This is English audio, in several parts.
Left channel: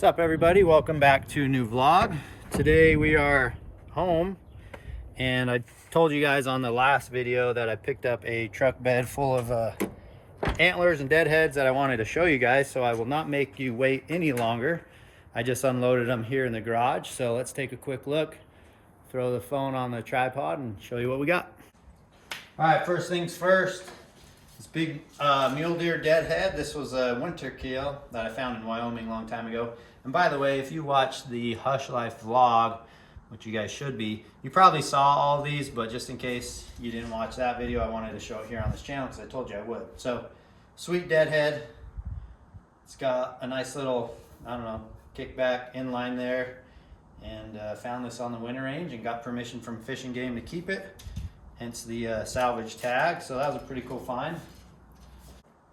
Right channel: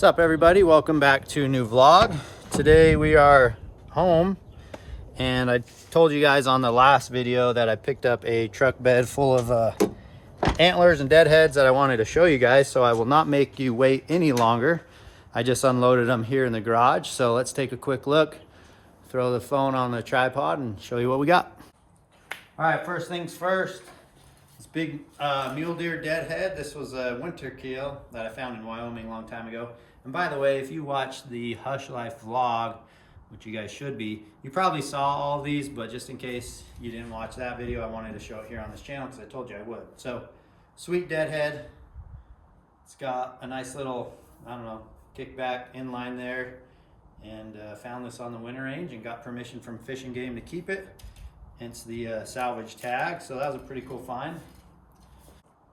What's up, everybody? Welcome back to a new vlog. Today we are home, and I told you guys on the last video that I picked up a truck bed full of antlers and deadheads that I wanted to show you guys, so I will not make you wait any longer. I just unloaded them here in the garage, so let's take a quick look, throw the phone on the tripod and show you what we got. All right, first things first, this big mule deer deadhead. This was a winter kill that I found in Wyoming a long time ago. And by the way, if you watched the Hush Life vlog, which you guys should be, you probably saw all these, but just in case you didn't watch that video, I wanted to show it here on this channel because I told you I would. So, sweet deadhead. It's got a nice little, I don't know, kickback inline there. And found this on the winter range and got permission from Fish and Game to keep it. Hence the salvage tag. So that was a pretty cool find.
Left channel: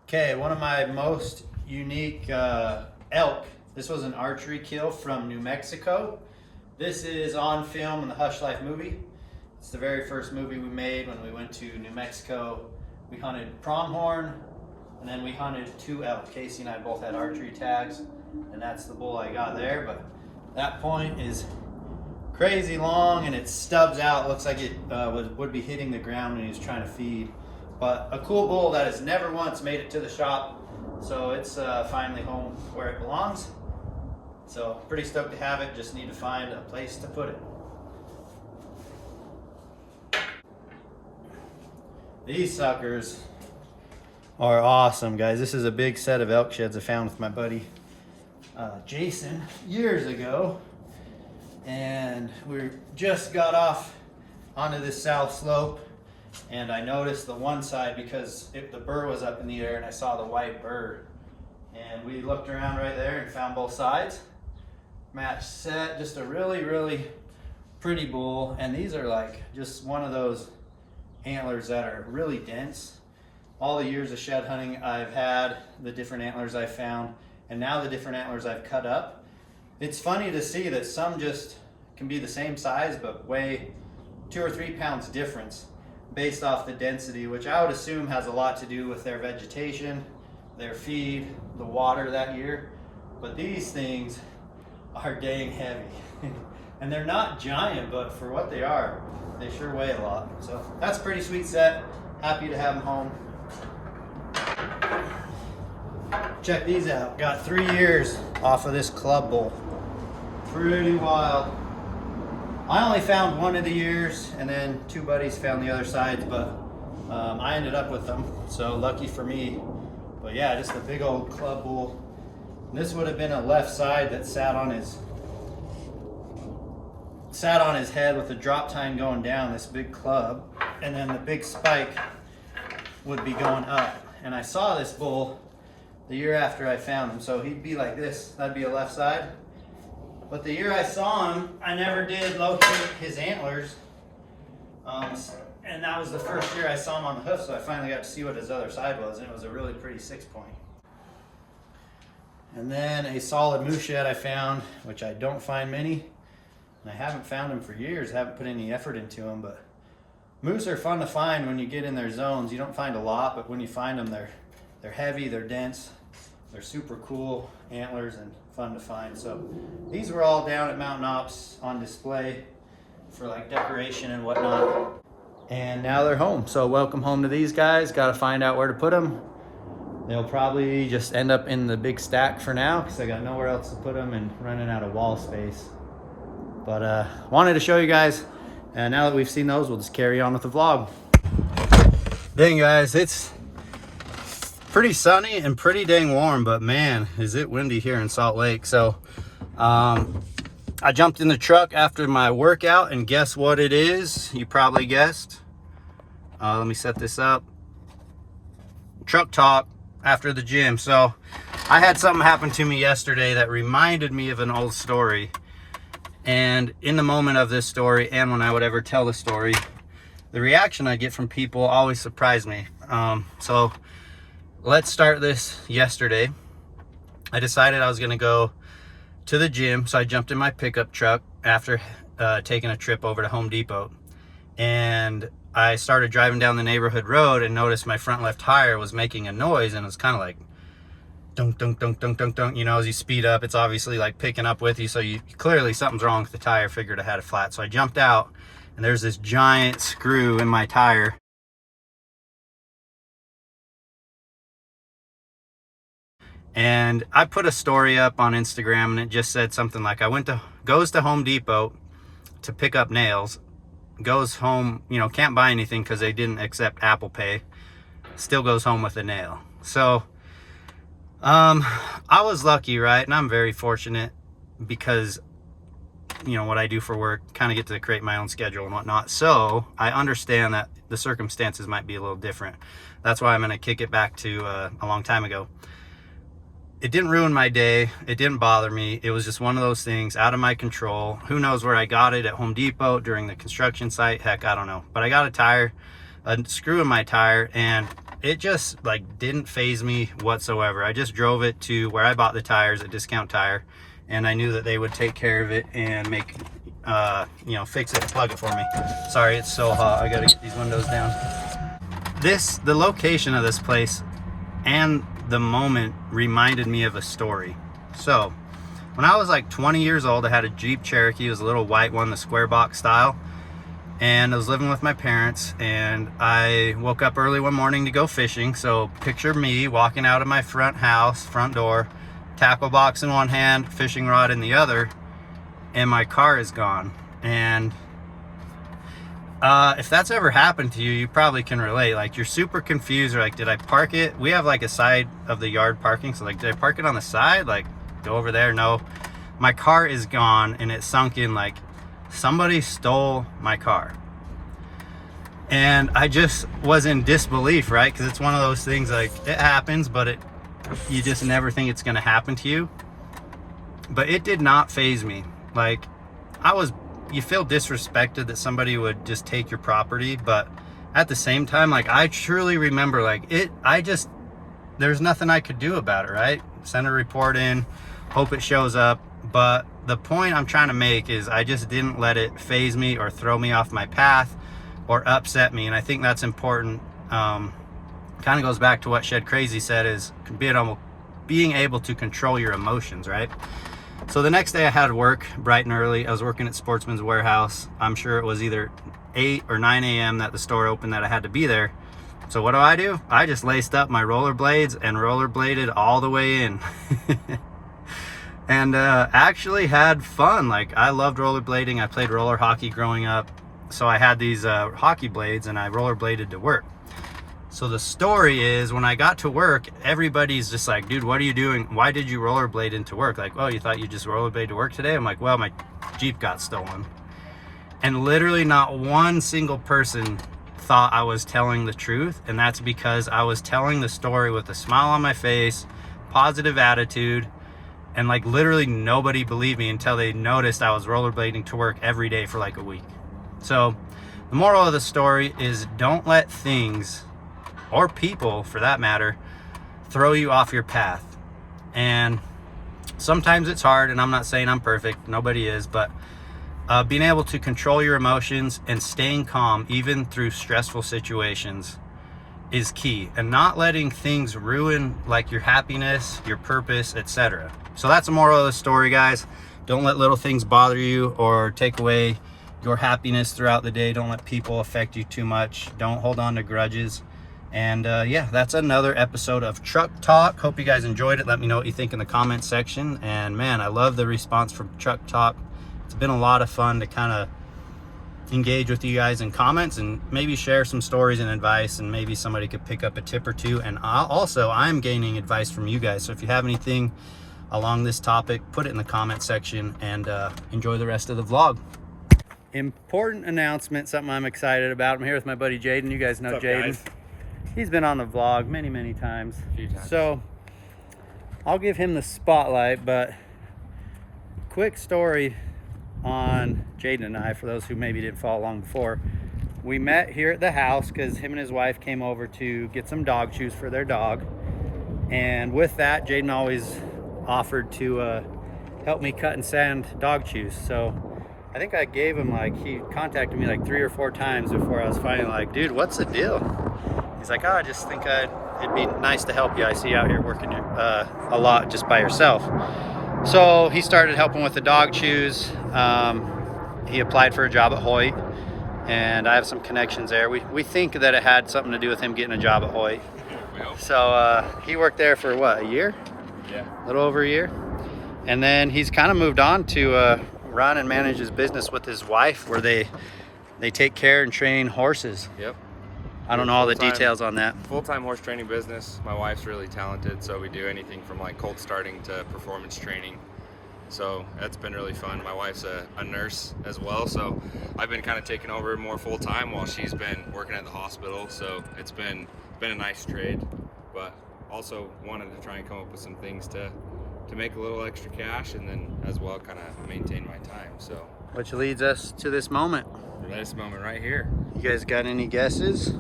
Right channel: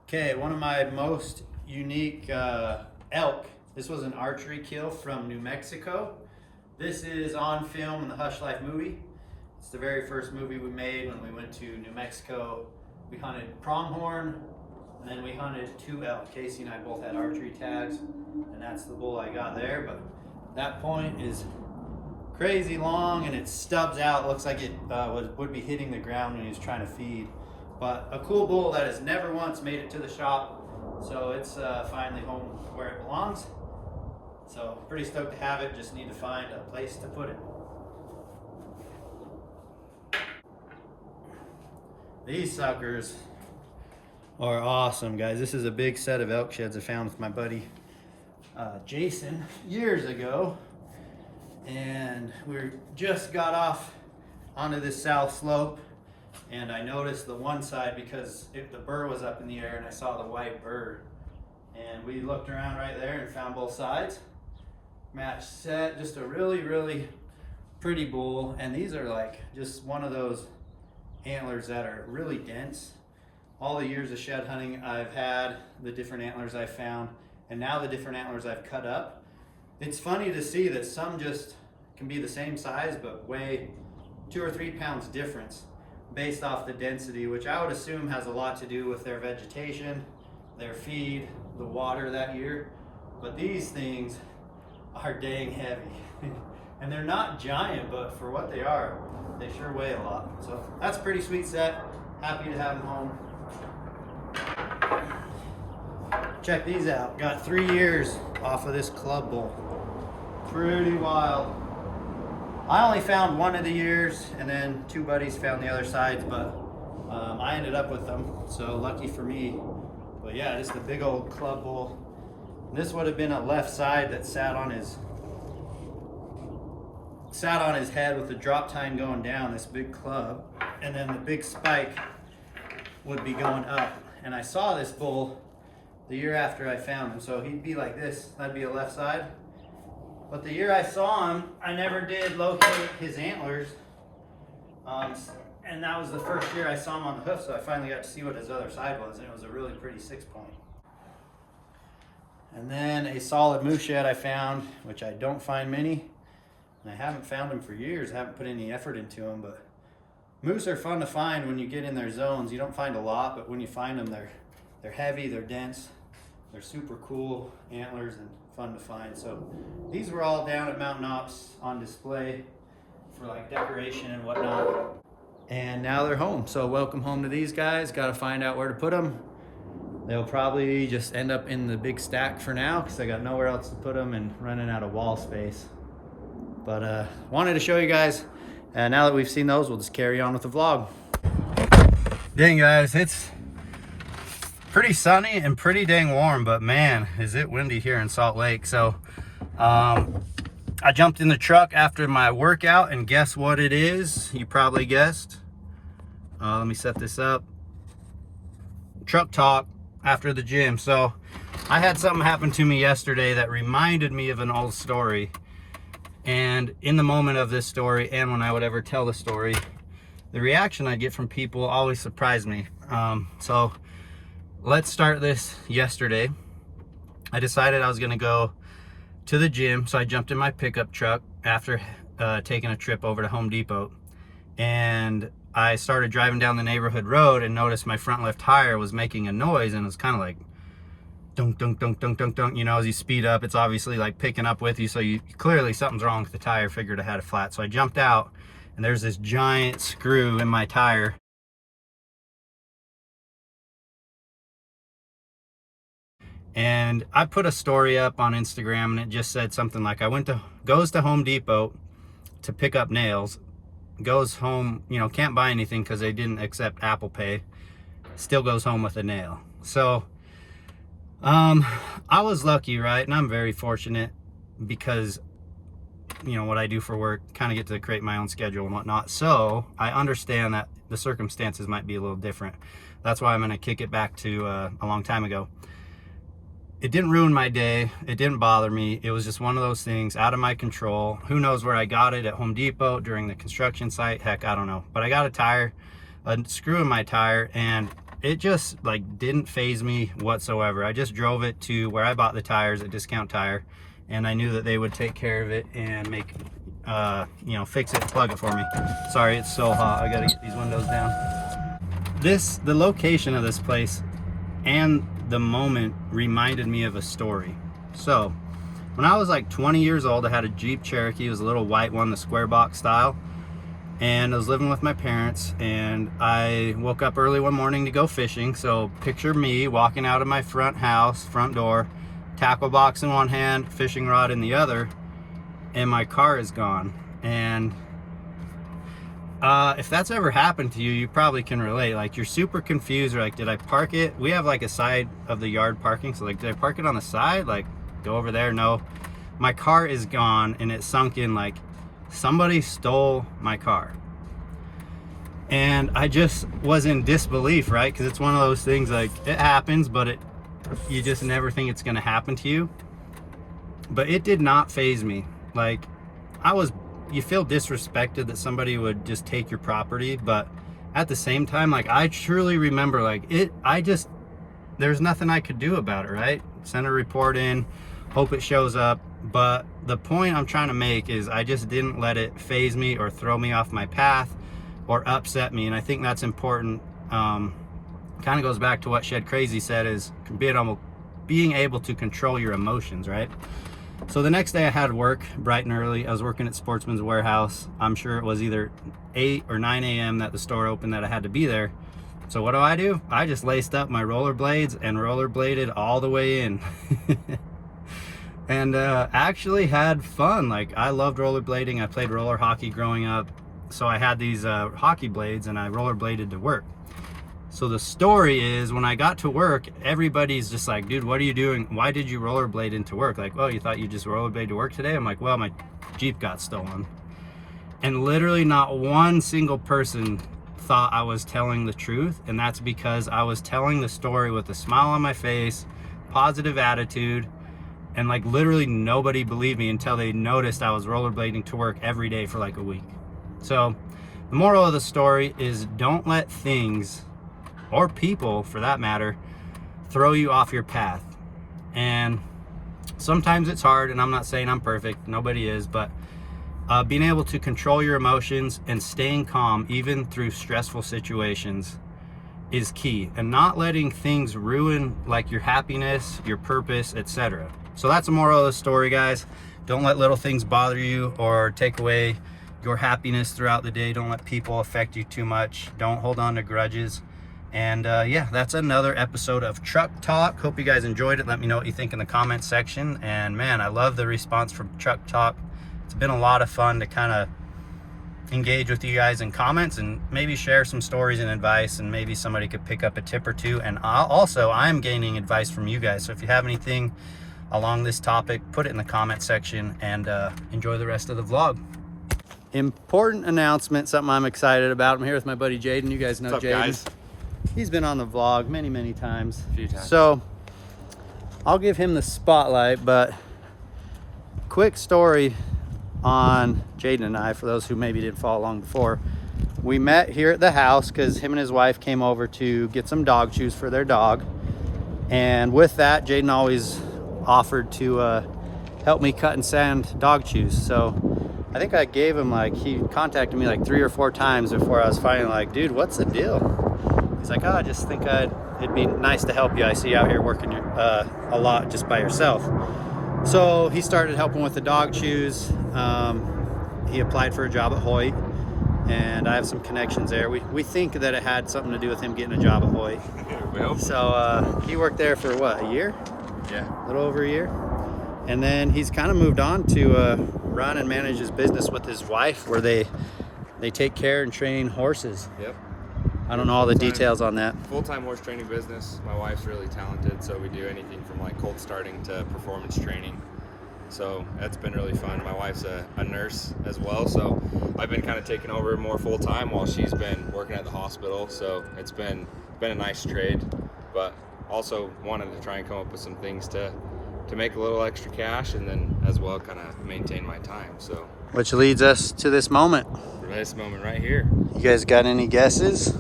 Okay, one of my most unique elk. This was an archery kill from New Mexico. This is on film in the Hush Life movie. It's the very first movie we made when we went to New Mexico. We hunted pronghorn, and then we hunted 2 elk. Casey and I both had archery tags, and that's the bull I got there. But that point is crazy long, and it stubs out. Looks like it would be hitting the ground when he was trying to feed. But a cool bull that has never once made it to the shop. So it's finally home where it belongs. So pretty stoked to have it, just need to find a place to put it. These suckers are awesome, guys. This is a big set of elk sheds I found with my buddy Jason years ago. And we just got off onto this south slope, and I noticed the one side because the burr was up in the air and I saw the white burr. And we looked around right there and found both sides. Match set, just a really, really pretty bull. And these are like just one of those antlers that are really dense. All the years of shed hunting I've had, the different antlers I've found, and now the different antlers I've cut up. It's funny to see that some just can be the same size but weigh 2 or 3 pounds difference based off the density, which I would assume has a lot to do with their vegetation, their feed, the water that year. But these things are dang heavy. And they're not giant, but for what they are, they sure weigh a lot. So that's a pretty sweet set. Happy to have them home. Check these out. Got 3 years off of this club bull. Pretty wild. I only found one of the years, and then 2 buddies found the other sides, but I ended up with them, so lucky for me. But yeah, just a big old club bull. This would have been a left side that sat on his head with the drop tine going down, this big club, and then the big spike would be going up. And I saw this bull the year after I found him, so he'd be like this. That'd be a left side. But the year I saw him, I never did locate his antlers. And that was the first year I saw him on the hoof, so I finally got to see what his other side was, and it was a really pretty 6-point. And then a solid moose shed I found, which I don't find many. And I haven't found them for years, haven't put any effort into them, but moose are fun to find when you get in their zones. You don't find a lot, but when you find them, they're heavy, they're dense, they're super cool antlers and fun to find. So these were all down at Mountain Ops on display for like decoration and whatnot. And now they're home. So welcome home to these guys. Got to find out where to put them. They'll probably just end up in the big stack for now because I got nowhere else to put them and running out of wall space. But wanted to show you guys. And now that we've seen those, we'll just carry on with the vlog. Dang, guys, it's pretty sunny and pretty dang warm, but man, is it windy here in Salt Lake. So I jumped in the truck after my workout, and guess what it is? You probably guessed. Let me set this up. Truck talk after the gym. So I had something happen to me yesterday that reminded me of an old story. And in the moment of this story, and when I would ever tell the story, the reaction I get from people always surprised me. So let's start this yesterday. I decided I was gonna go to the gym, so I jumped in my pickup truck after taking a trip over to Home Depot. And I started driving down the neighborhood road and noticed my front left tire was making a noise, and it was kind of like dunk, dunk, dunk, dunk, dunk, dunk. You know, as you speed up, it's obviously like picking up with you. So you clearly something's wrong with the tire. Figured I had a flat. So I jumped out and there's this giant screw in my tire. And I put a story up on Instagram and it just said something like, goes to Home Depot to pick up nails, goes home, you know, can't buy anything because they didn't accept Apple Pay, still goes home with a nail. So I was lucky, right? And I'm very fortunate because, you know, what I do for work, kind of get to create my own schedule and whatnot. So I understand that the circumstances might be a little different. That's why I'm going to kick it back to a long time ago. It didn't ruin my day. It didn't bother me. It was just one of those things out of my control. Who knows where I got it, at Home Depot, during the construction site? Heck, I don't know. But I got a screw in my tire, and it just like didn't faze me whatsoever. I just drove it to where I bought the tires, a Discount Tire, and I knew that they would take care of it and make, you know, fix it and plug it for me. Sorry, it's so hot. I gotta get these windows down. The location of this place and the moment reminded me of a story. So when I was like 20 years old, I had a Jeep Cherokee. It was a little white one, the square box style, and I was living with my parents, and I woke up early one morning to go fishing. So picture me walking out of my front door, tackle box in one hand, fishing rod in the other, and my car is gone. And if that's ever happened to you, you probably can relate. Like, you're super confused, or like, did I park it? We have like a side of the yard parking, so like, did I park it on the side, like go over there? No, my car is gone, and it sunk in like somebody stole my car. And I just was in disbelief, right? Because it's one of those things, like, it happens, but you just never think it's gonna happen to you. But it did not faze me. Like, you feel disrespected that somebody would just take your property, but at the same time, like, I truly remember, like, there's nothing I could do about it, right? Send a report in, hope it shows up. But the point I'm trying to make is I just didn't let it faze me or throw me off my path or upset me. And I think that's important. Kind of goes back to what Shed Crazy said, is being able to control your emotions, right? So the next day I had work bright and early. I was working at Sportsman's Warehouse. I'm sure it was either 8 or 9 a.m. that the store opened, that I had to be there. So what do? I just laced up my rollerblades and rollerbladed all the way in. And actually had fun. Like, I loved rollerblading. I played roller hockey growing up. So I had these hockey blades, and I rollerbladed to work. So the story is, when I got to work, everybody's just like, dude, what are you doing? Why did you rollerblade into work? Like, oh, you thought you just rollerblade to work today? I'm like, well, my Jeep got stolen. And literally not one single person thought I was telling the truth. And that's because I was telling the story with a smile on my face, positive attitude, and like literally nobody believed me until they noticed I was rollerblading to work every day for like a week. So the moral of the story is, don't let things, or people for that matter, throw you off your path. And sometimes it's hard, and I'm not saying I'm perfect, nobody is, but being able to control your emotions and staying calm even through stressful situations is key, and not letting things ruin like your happiness, your purpose, etc. So that's the moral of the story, guys. Don't let little things bother you or take away your happiness throughout the day. Don't let people affect you too much. Don't hold on to grudges. And yeah, that's another episode of Truck Talk. Hope you guys enjoyed it. Let me know what you think in the comment section. And man, I love the response from Truck Talk. It's been a lot of fun to kind of engage with you guys in comments and maybe share some stories and advice, and maybe somebody could pick up a tip or two. And I'm gaining advice from you guys. So if you have anything along this topic, put it in the comment section, and enjoy the rest of the vlog. Important announcement, something I'm excited about. I'm here with my buddy Jaden. You guys know Jaden. He's been on the vlog many times. So I'll give him the spotlight, but quick story on Jaden and I, for those who maybe didn't follow along before. We met here at the house because him and his wife came over to get some dog chews for their dog. And with that, Jaden always offered to help me cut and sand dog chews. So I think I gave him, like, he contacted me like 3 or 4 times before I was finally like, dude, what's the deal? He's like, oh, I just think I'd it'd be nice to help you. I see you out here working a lot just by yourself. So he started helping with the dog chews. He applied for a job at Hoyt, and I have some connections there. We think that it had something to do with him getting a job at Hoyt. So he worked there for what, a year? Yeah. A little over a year. And then he's kind of moved on to run and manage his business with his wife, where they take care and train horses. Yep. I don't know all the details on that. Full-time horse training business. My wife's really talented, so we do anything from like colt starting to performance training. So that's been really fun. My wife's a nurse as well, so I've been kind of taking over more full-time while she's been working at the hospital. So it's been a nice trade, but also wanted to try and come up with some things to make a little extra cash, and then as well kind of maintain my time. So which leads us to this moment. This moment right here. You guys got any guesses?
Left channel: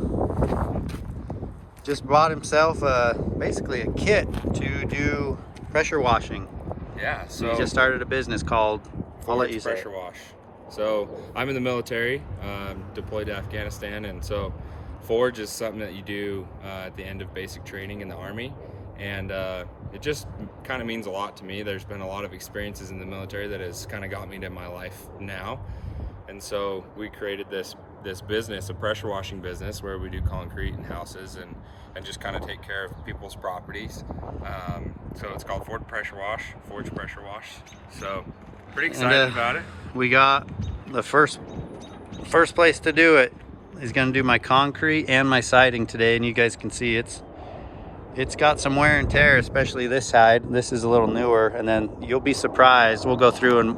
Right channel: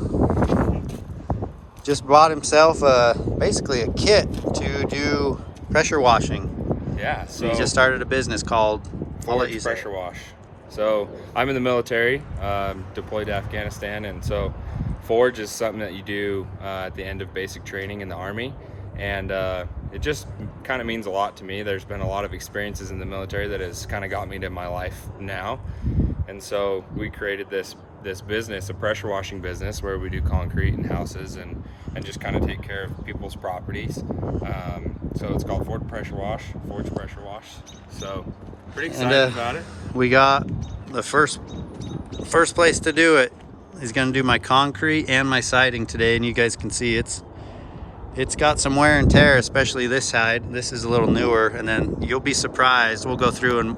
Just bought himself basically a kit to do pressure washing. Yeah, so he just started a business called, I'll let you say Pressure Wash. So I'm in the military, deployed to Afghanistan, and so forge is something that you do at the end of basic training in the Army, and it just kind of means a lot to me. There's been a lot of experiences in the military that has kind of got me to my life now, and so we created this business, a pressure washing business, where we do concrete and houses and just kind of take care of people's properties. So it's called Forge Pressure Wash. So pretty excited about it. We got the first place to do it. He's gonna do my concrete and my siding today, and you guys can see it's got some wear and tear, especially this side. This is a little newer, and then you'll be surprised. We'll go through and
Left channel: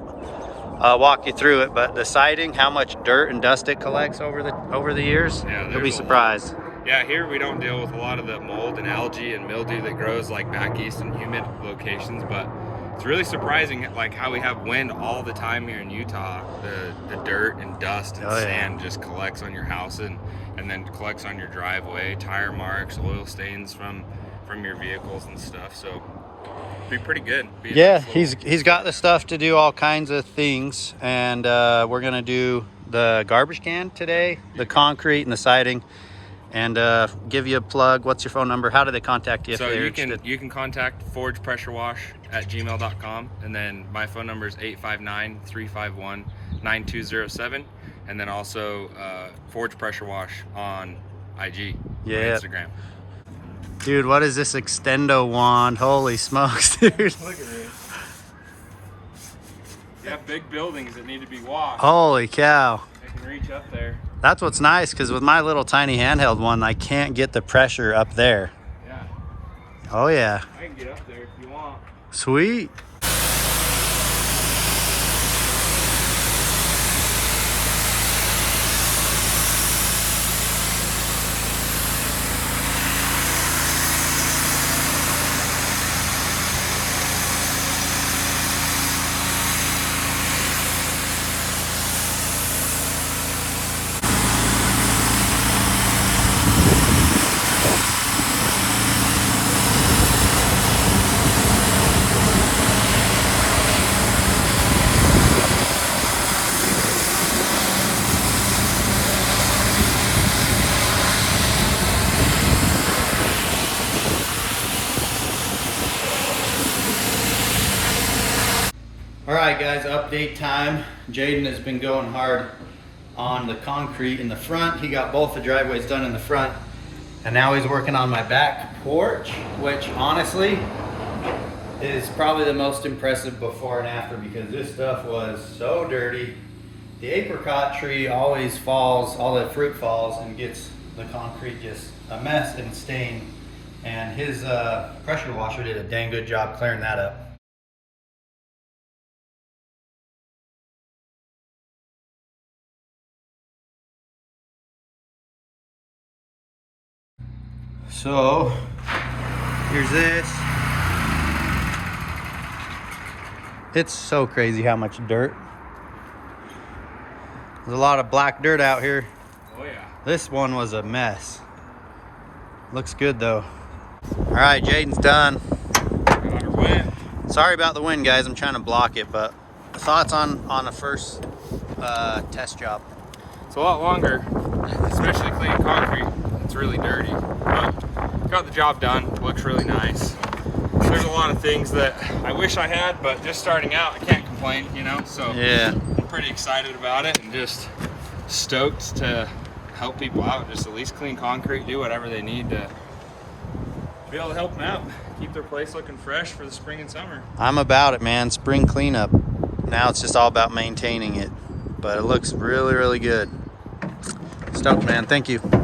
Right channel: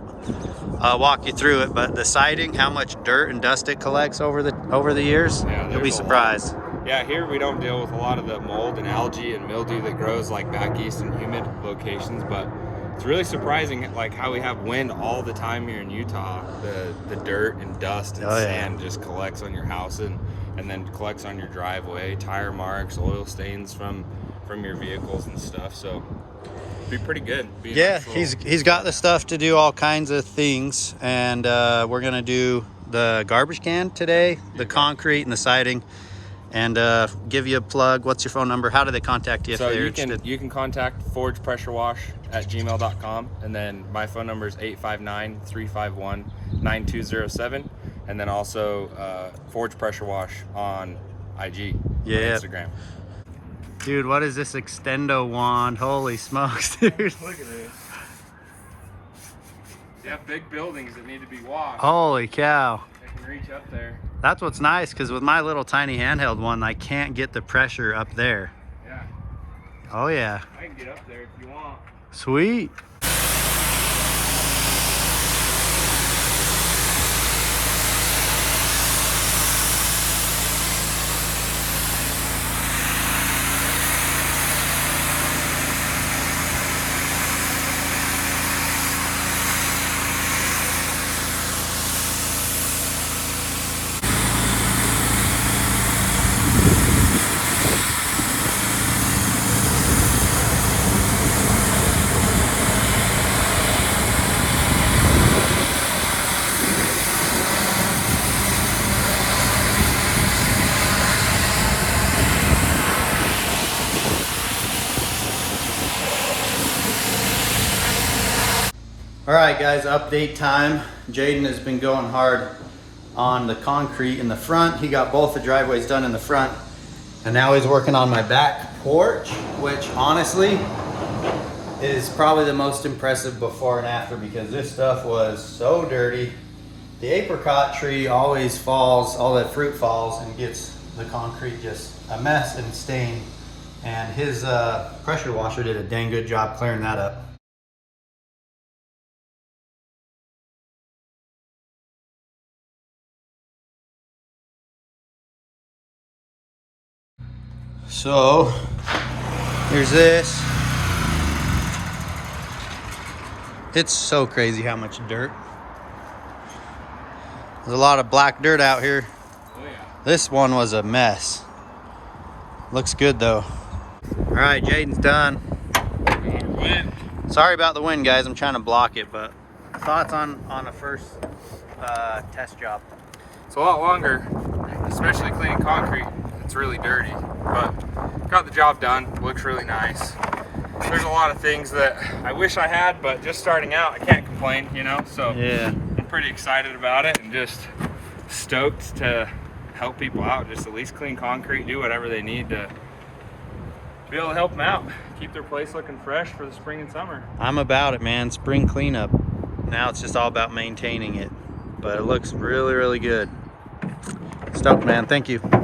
walk you through it, but the siding, how much dirt and dust it collects over the years, yeah, you'll be surprised. Yeah, here we don't deal with a lot of the mold and algae and mildew that grows like back east in humid locations, but it's really surprising like how we have wind all the time here in Utah. The dirt and dust and sand just collects on your house and then collects on your driveway, tire marks, oil stains from your vehicles and stuff. So be pretty good. Yeah, he's got the stuff to do all kinds of things, and we're gonna do the garbage can today, the concrete and the siding, and give you a plug. What's your phone number? How do they contact you if they're interested? You can contact forgepressurewash@gmail.com, and then my phone number is 859-351-9207, and then also Forge Pressure Wash on IG, on Instagram. Dude, what is this extendo wand? Holy smokes, dude. Look at this. You have big buildings that need to be washed. Holy cow. They can reach up there. That's what's nice, because with my little tiny handheld one, I can't get the pressure up there. Yeah. Oh yeah. I can get up there if you want. Sweet. All right, guys, update time. Jaden has been going hard on the concrete in the front. He got both the driveways done in the front, and now he's working on my back porch, which honestly is probably the most impressive before and after, because this stuff was so dirty. The apricot tree always falls, all that fruit falls and gets the concrete just a mess and stained, and his pressure washer did a dang good job clearing that up. So here's this. It's so crazy how much dirt. There's a lot of black dirt out here. Oh yeah. This one was a mess. Looks good though. All right, Jaden's done. Got her wet. Sorry about the wind, guys. I'm trying to block it, but thoughts on a first test job? It's a lot longer, especially cleaning concrete. It's really dirty, but got the job done. Looks really nice. There's a lot of things that I wish I had, but just starting out, I can't complain, you know? So Yeah. I'm pretty excited about it and just stoked to help people out. Just at least clean concrete, do whatever they need to be able to help them out. Keep their place looking fresh for the spring and summer. I'm about it, man. Spring cleanup. Now it's just all about maintaining it. But it looks really, really good. Stoked, man. Thank you.